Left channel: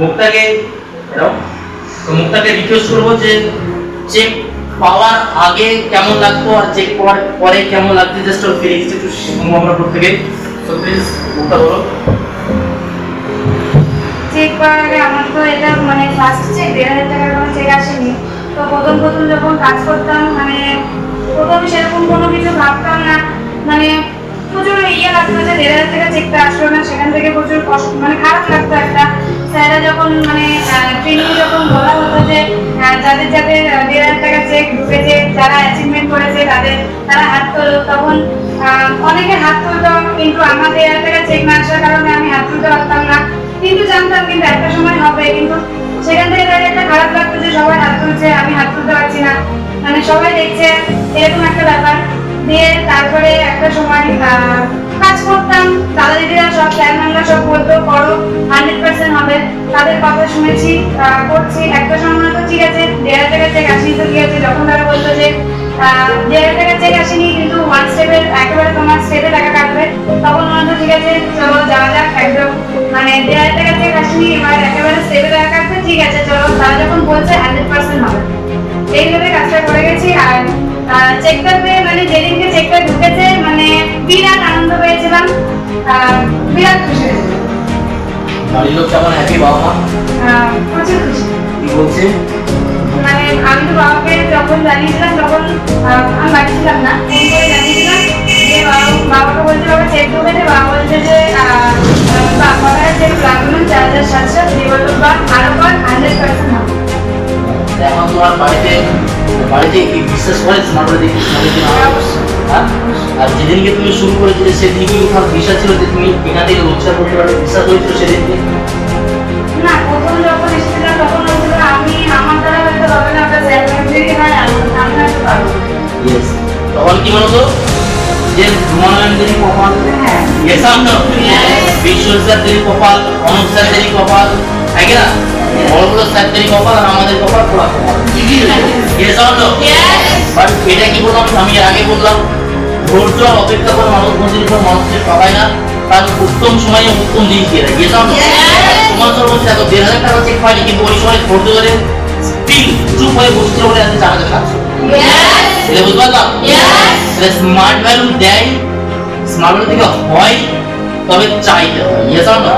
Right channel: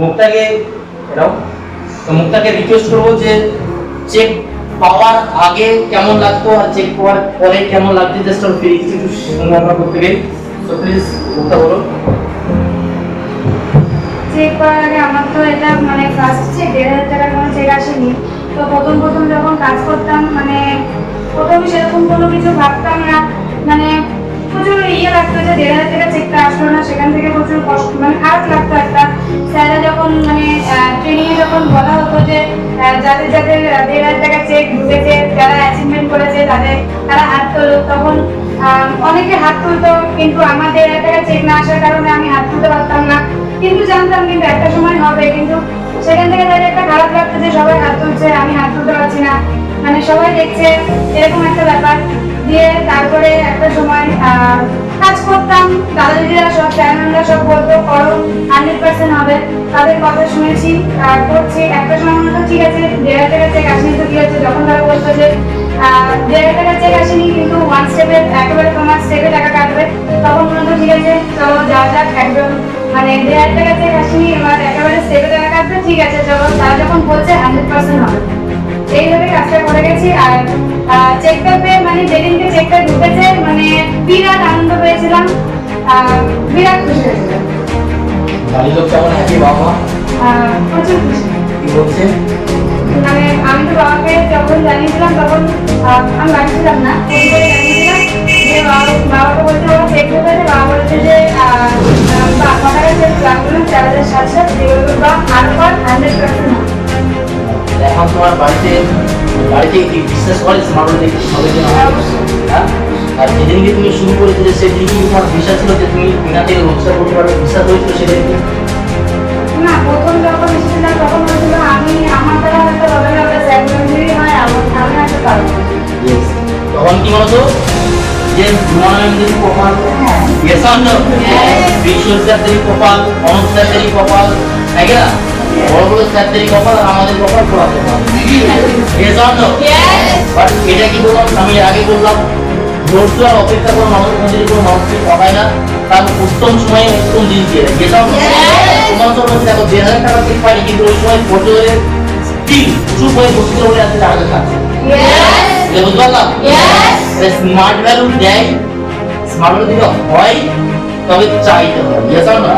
মুখটাকে এরাও তো মুখটাকে রিকোয়েস্ট করবো যে চেক পাওয়ার আগে কেমন লাগতো আর চেক পাওয়ার পরে কেমন লাগছে জাস্ট অন ফিলিংস একটু শুনবো আমরা প্রত্যেকে। তো প্লিজ মুখটা বলো। চেক করার আগে আমার তো এটা মানে ফার্স্ট চেক 1,500 টাকার কোনো চেক আসেনি। তো প্রথম প্রথম যখন কাজ করতাম মানে প্রথম সেরকম কোনো কিছু ভাবতাম না, মানে প্রচুর লাগতো যে 1,500 টাকা চেকটা আসলো না, সেখান থেকে প্রচুর কষ্ট মানে খারাপ লাগতো একটা। স্যাররা যখন মানে ট্রেনিং যখন বলা হতো যে যাদের যাদের 1,500 টাকা চেক ঢুকেছে, যারা অ্যাচিভমেন্ট করেছে তারা হাত তোলো, তখন অনেকের হাত তুলতো, কিন্তু আমার 1,500 টাকা চেক না আসার কারণে আমি হাত তুলতে পারতাম না। কিন্তু জানতাম কিন্তু একটা সময় হবে, কিন্তু সেখান থেকে তাদের একটা খারাপ লাগতো যে সবাই হাত তুলছে, আমি হাত তুলতে পারছি না, মানে সবাই দেখছে এরকম একটা ব্যাপার। দিয়ে তারপরে একটা সময় কাজ করতাম, দাদা দিদিরা সব চ্যানেলরা সব বলতো করো 100% হবে, তাদের কথা শুনেছি করছি। একটা সময় মনে হতো ঠিক আছে 1,500 টাকা চেক আসেনি তো ঠিক আছে, যখন তারা বলতো যে 1,500 টাকা চেক আসেনি কিন্তু ওয়ান স্টেপের একেবারে তোমার স্টেপে টাকা কাটবে, তখন মনে হতো ঠিক আছে চলো যাওয়া যাক একদম, মানে 1,500 টাকা চেক আসেনি এবার একেবারে স্টেপে টাকা কাটবে, ঠিক আছে চলো, তারা যখন বলছে 100% হবে, এইভাবে কাজটা করে গেছি। আর চেকটা পেয়ে মানে যেদিনকে চেকটা ঢুকেছে মানে বিরাট আনন্দ পেয়েছিলাম, বিরাট খুশি হয়েছিলাম। বাড়ির লোক কেমন হ্যাপি, বাবা মা প্রচুর খুশি। কি বলছে? মানে আমি তো বাবাকে যখন জানিয়েছিলাম তখন আমি বাড়ি ছিলাম না, ফোন করে জানিয়েছিলাম যে বাবাকে বলছে বাবা চেক ঢুকেছে, বাবা বলছে যে বাবার চেক লাগলো 4,700 দিয়ে বললো বা আরো পর 100% হবে। এখন তোমার বাড়িতে কি বিশ্বাস করে স্মার্ট বোর্ড দেখে হ্যাঁ? আর যেদিনকে তুমি শুরু করেছিলে সেদিনকে তোমার বিশ্বাস ছিল যে তুমি বিনা থেকে রোজগার করতে পারবে, বিশ্বাস হয়েছিল সেদিনকে? না, প্রথম যখন এসেছিলাম তখন বলছিল আমি আমার দ্বারা হয়তো হবে না, বা স্যার যদি হয় আমি হয়তো পারবো। ইয়েস, তখন কি বলতো যে ধুমানন্দের কপাল, ইয়েস আমনো বিশ্বর স্যারদের কপাল, অনন্ত স্যারদের কপাল, তাই না? বড় বড় স্যারদের কপাল আর আমাদের কপাল পোড়া কপাল, ইয়েস আমনো। বাট এটা কি বললাম, আমি আগে বললাম ধৈর্য আর অপেক্ষা করে মানুষ মন্দিরের উপর মানুষকে ঠকায় না, তার উত্তম সময়ে উত্তম জিনিস দিয়ে দেয়, ইয়েস আমনো। তোমার তোর মধ্যে দেখো 1,500 টাকা চেক পাইনি, কিন্তু ওই সময় ধৈর্য ধরে স্টিল চুপ হয়ে বসছিল বলে আজকে 4,700। এটা বুঝতে পারলাম। স্মার্ট ভ্যালু দেয়, স্মার্ট ভ্যালু থেকে হয়, তবে চাইতে হয়, ইয়েস অর নো?